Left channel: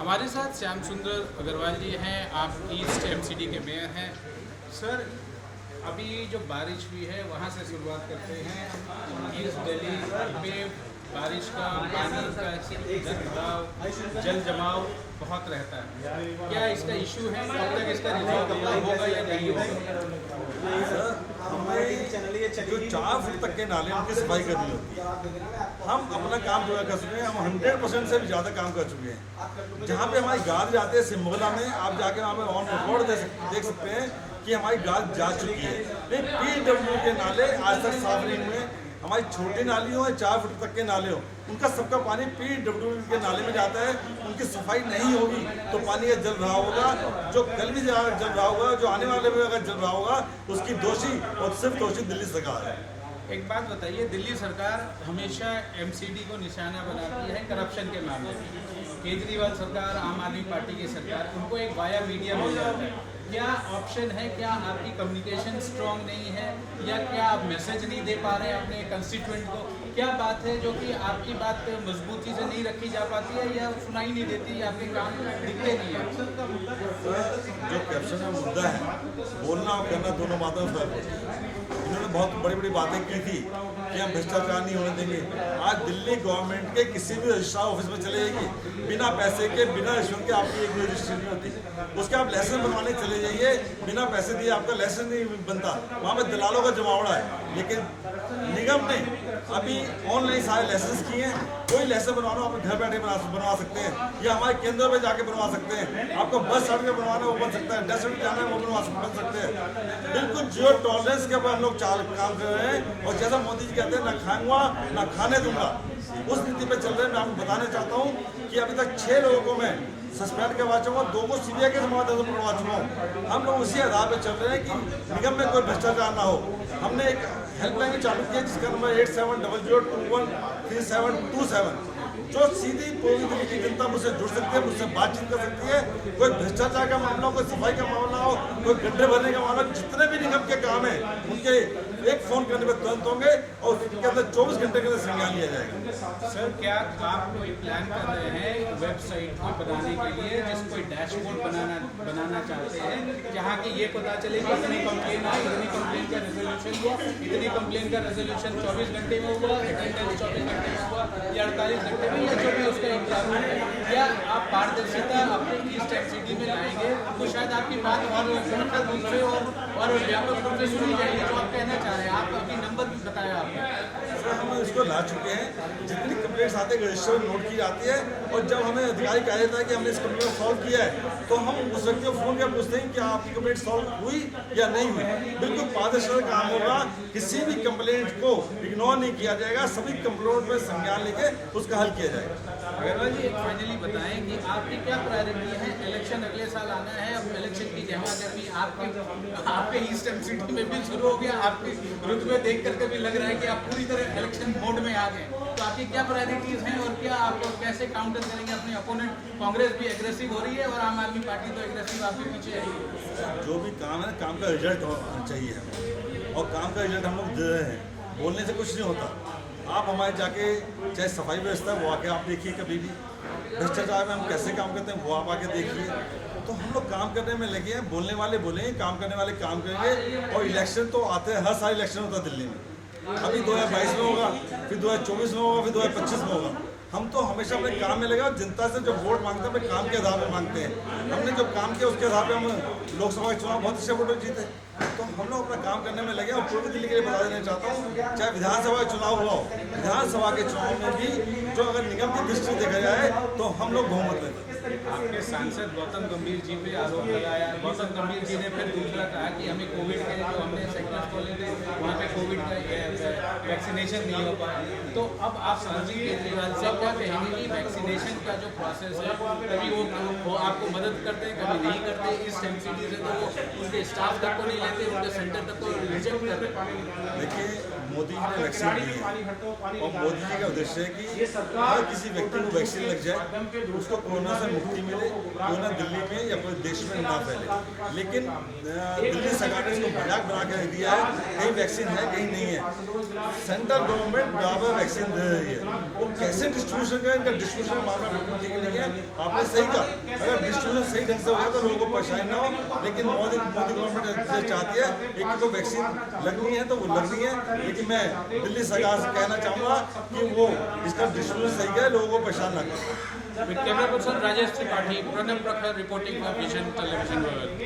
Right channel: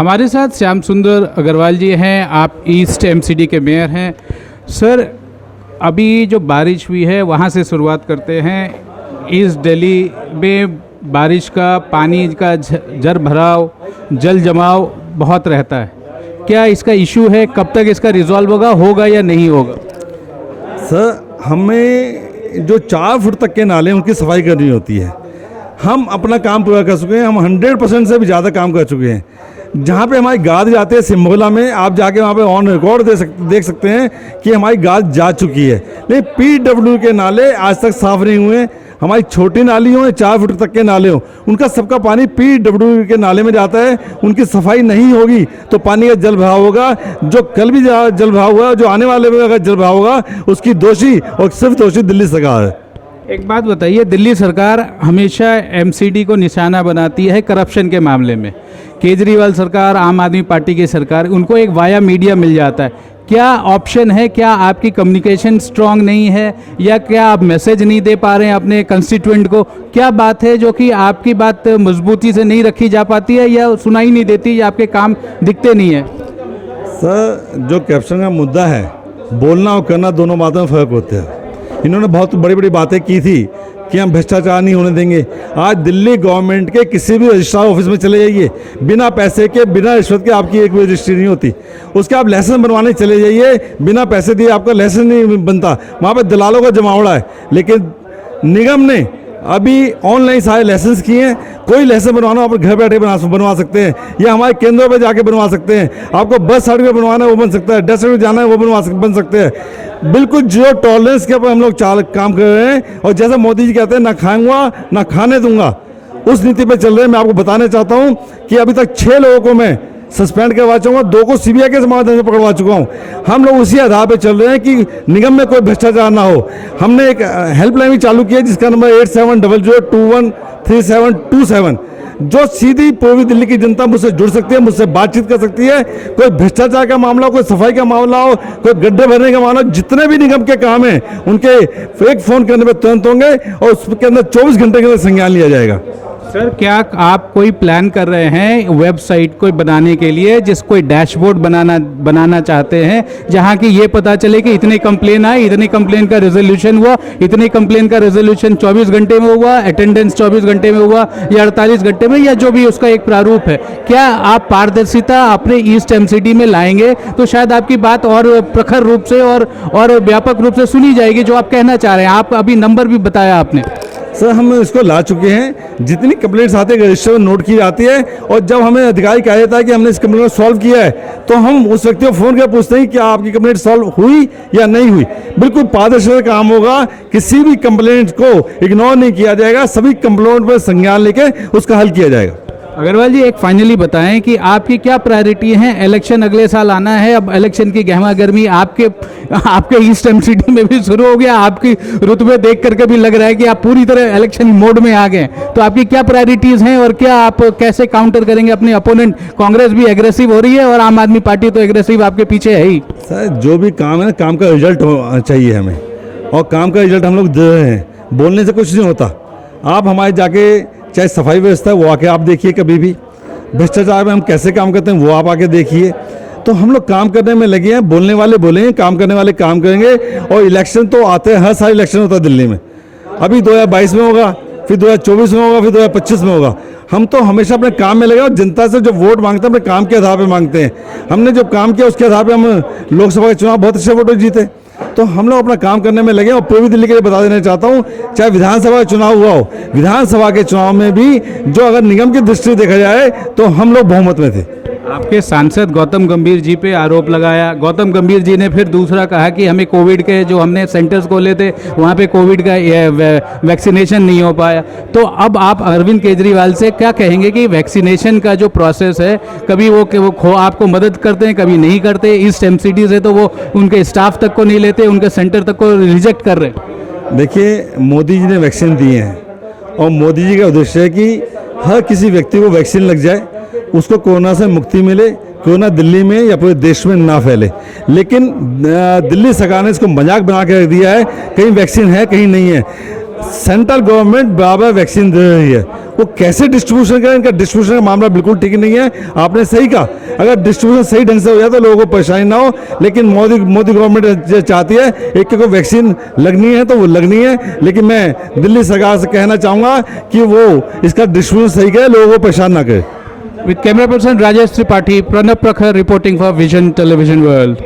हमारे साथ श्याम सुंदर अग्रवाल जी हैं, आप ईस्ट एमसीडी के मेयर हैं। सर, अभी जो बारिश हुई है वहाँ से शुरुआत करते हैं। ईस्ट दिल्ली में बारिश का पानी का जर भराव, जल जमाव बहुत रहता है। क्या इसका इशू है? कब तक इसका रिजॉल्व होगा या नहीं होगा? सर, हमें जो 4 फुट तक के नाले उनकी सफाई करनी होती है। हम अपना काम पूरा कर चुके हैं। हम 100% से भी ज़्यादा काम कर चुके हैं। जहाँ पे हमारी गाद जाती है सिम्बोला में, आप जाके वहाँ पे ऑन रिकॉर्ड देख सकते हैं कि हमारी गाद जा चुकी है। लेकिन पीडब्ल्यू के नाले आज तक साफ़ नहीं हुए। हमारी छोटी नाली हो, 4 फुट तक के नाले हो, उनका सबका पानी पीडब्ल्यू के नाले में जाता है। उनकी सफाई नहीं होगी तो पानी का जल बहाव होगा। जो कल भी जल बहाव हुआ, जो आने वाले में अगर जल बहाव होगा, उसकी दोषी और सिर्फ दोषी दिल्ली सरकार है। एक बात बताइए, दिल्ली सरकार हमेशा एमसीडी को निशाना बनाती है करप्शन के मामले में। केजरीवाल सरकार, आम आदमी पार्टी की सरकार, उनको एक वाया मीडिया मिल जाता है। क्या ऑप्शन है? क्या आपकी कम्युनिकेशन स्ट्रांग नहीं है, या क्या आप मैसेज नहीं दे पा रहे हैं अपने कंस्टिट्यूएंट को? क्या बात है जो कि आपकी बात मजबूती से नहीं रखी जा पाती है, या सुनाई नहीं देती, या आपके काम दिखते नहीं है? सर, जो करप्शन का मुद्दा है, बोलना और करना दोनों बातों में फ़र्क होता है। इन्होंने बहुत बड़ी बड़ी बातें की थी कि हम भ्रष्टाचार नहीं होने देंगे। आज दिल्ली गवर्नमेंट के किसी भी रजिस्ट्रार ऑफिस में चले जाइए, बिना पैसे के, बिना रिश्वत के आपकी एक भी रजिस्ट्री नहीं होती। उसके आप लाइसेंस बनवाने चले जाइए, बिना पैसे दिए आपका लाइसेंस नहीं बनता। वहाँ पे दलालों का जमावड़ा है। लेकिन निगम ने अभी ऑनलाइन सारे लाइसेंस किए हैं। कोई लाइसेंस बनवाना आप घर बैठे बनवा सकते हैं, या हमारे केंद्रों पे जाके बनवा सकते हैं। आपको बस सर्टिफिकेट बनवाना है वो बन सकता है, डेथ सर्टिफिकेट जाना है वो बन सकते हैं। बिल्कुल जीरो टॉलरेंस के ऊपर हम लोग काम कर रहे हैं। और जैसा मोदी जी कहते हैं, ना खाऊंगा ना खाने दूंगा, उस नीति पे चल रहे हैं। मैं आपको बताना चाहता हूं कि अभी तक 6 लोगों को मैं सस्पेंड करवा चुका हूँ, 2 को सीबीआई के माध्यम से पकड़वा चुका हूँ। हम लोग उसी आधार पे चल रहे हैं कि निगम में कोई भ्रष्टाचार ना हो। हमने एक हेल्पलाइन भी चालू की है जिसका नंबर 8700213727, जो सीधी पूर्वी दिल्ली की जनता मुझसे जुड़ सकती है, मुझसे बातचीत कर सकती है। कोई भ्रष्टाचार का मामला हो, कोई सफाई का मामला हो, कोई गड्ढे भरने का मामला हो, जितने भी निगम के काम हैं उनके एक फ़ोन करने पर तुरंत होंगे और उसके अंदर 24 घंटे के अंदर संज्ञान लिया जाएगा। सर, क्या आप कोई प्लान कर रहे हैं वेबसाइट को बनाने के लिए, जिस कोई डैशबोर्ड बनाना चाहते हैं, जहां कि ये पता चले कि इतने कंप्लेन आए, इतने कंप्लेन का रेजोल्यूशन हुआ, इतने कंप्लेन का रेजोल्यूशन 24 घंटे में हुआ, अटेंडेंस 24 घंटे में हुआ, या 48 घंटे में, या जो भी उसका एक प्रारूप है? क्या आप पारदर्शिता अपने ईस्ट एमसीडी में लाएंगे तो शायद आपकी बात और प्रखर रूप से और व्यापक रूप से सुनी जाएगी, जो आप कहना चाह रहे हैं? आप अभी नंबर भी बताया आपने। सर, हम इसको ला चुके हैं। जितनी कंप्लेंट्स आती है रजिस्टर में नोट की जाती है, और जब हमें अधिकारी कहा जाता है कि हमने इस कंप्लेंट को सॉल्व किया है, तो हम उस व्यक्ति को फ़ोन कर पूछते हैं कि क्या आपकी कंप्लेंट सॉल्व हुई या नहीं हुई। बिल्कुल पारदर्शी काम होगा। किसी भी कंप्लेंट को इग्नोर नहीं किया जाएगा। सभी कंप्लेंट पर संज्ञान लेके उसका हल किया जाएगा। अग्रवाल जी, एक फाइनली बताएं कि आपकी क्या प्रायोरिटी है? इलेक्शन अगले साल आना है। अब इलेक्शन की गहमा गर्मी आपके ईस्ट एमसीडी में भी शुरू हो गया। आपकी रुतबे देख करके भी लग रहा है कि आप पूरी तरह इलेक्शन मोड में आ गए। तो आपकी क्या प्रायोरिटीज़ हैं, और क्या आप कैसे काउंटर करेंगे अपने अपोनेंट? कांग्रेस भी एग्रेसिव हो रही है और आम आदमी पार्टी तो एग्रेसिव आपके पीछे है ही। सर, जो भी काम है, काम का रिजल्ट चाहिए हमें, और काम का रिजल्ट हम लोग दे रहे हैं। बोलने से कुछ नहीं होता। आप हमारे जाके चाहे सफाई व्यवस्था है वो आके आप देखिए, कभी भी भ्रष्टाचार में हम कैसे काम करते हैं वो आप आके देखिए। तो हम लोग काम करने में लगे हैं। बोलने वाले बोलेंगे, काम करने वाले काम करेंगे। और इलेक्शन तो आते हैं, हर साल इलेक्शन होता है दिल्ली में। अभी 2022 में होगा, फिर 2024 में होगा, फिर 2025 में होगा। हम तो हमेशा अपने काम में लगे, और जनता से जो वोट मांगते हैं अपने काम के आधार पर मांगते हैं। हमने जो काम किया उसके आधार पर हम लोकसभा के चुनाव बहुत अच्छे वोटों जीते। तो हम लोग अपना काम करने में लगे। और पूर्वी दिल्ली के लिए बता देना चाहता हूँ, चाहे विधानसभा का चुनाव हुआ हो, विधानसभा के चुनाव में भी जो अगर निगम की दृष्टि देखा जाए तो हम लोग बहुमत में थे। आपके सांसद गौतम गंभीर जी पे आरोप लगाया। गौतम गंभीर जी ने फिर दूसरा कहा कि हमें कोविड के जो हमने सेंटर्स खोले थे वहाँ पे कोविड का वैक्सीनेशन नहीं हो पाया। तो अब आप अरविंद केजरीवाल से क्या कहेंगे कि वैक्सीनेशन का जो प्रोसेस है, कभी वो आपको मदद करते हैं, कभी नहीं करते? ईस्ट एमसीडी से तो वो उनके स्टाफ तक को नहीं लेते, उनके सेंटर तक को रिजेक्ट कर रहे हैं। देखिए, मोदी जी ने वैक्सीन दिए हैं, और मोदी जी का उद्देश्य है कि हर किसी व्यक्ति को वैक्सीन लग जाए, उसको कोरोना से मुक्ति मिले, कोरोना दिल्ली में या पूरे देश में ना फैले। लेकिन दिल्ली सरकार ने इसको मजाक बना के रख दिया है, कहीं वैक्सीन है कहीं नहीं है। सेंट्रल गवर्नमेंट बराबर वैक्सीन दे रही है। वो कैसे डिस्ट्रीब्यूशन करें, इनका डिस्ट्रीब्यूशन का मामला बिल्कुल ठीक नहीं है। आपने सही कहा, अगर डिस्ट्रीब्यूशन सही ढंग से हो जाए तो लोगों को परेशानी ना हो, लेकिन मोदी गवर्नमेंट चाहती है एक को वैक्सीन लगनी है तो वो लगनी है, लेकिन मैं दिल्ली सरकार से कहना चाहूँगा कि वो इसका डिस्ट्रीब्यूशन सही करे, लोगों को परेशान ना करे। With camera person Rajesh Tripathi, Pranab Prakhar reporting for Vision Television World.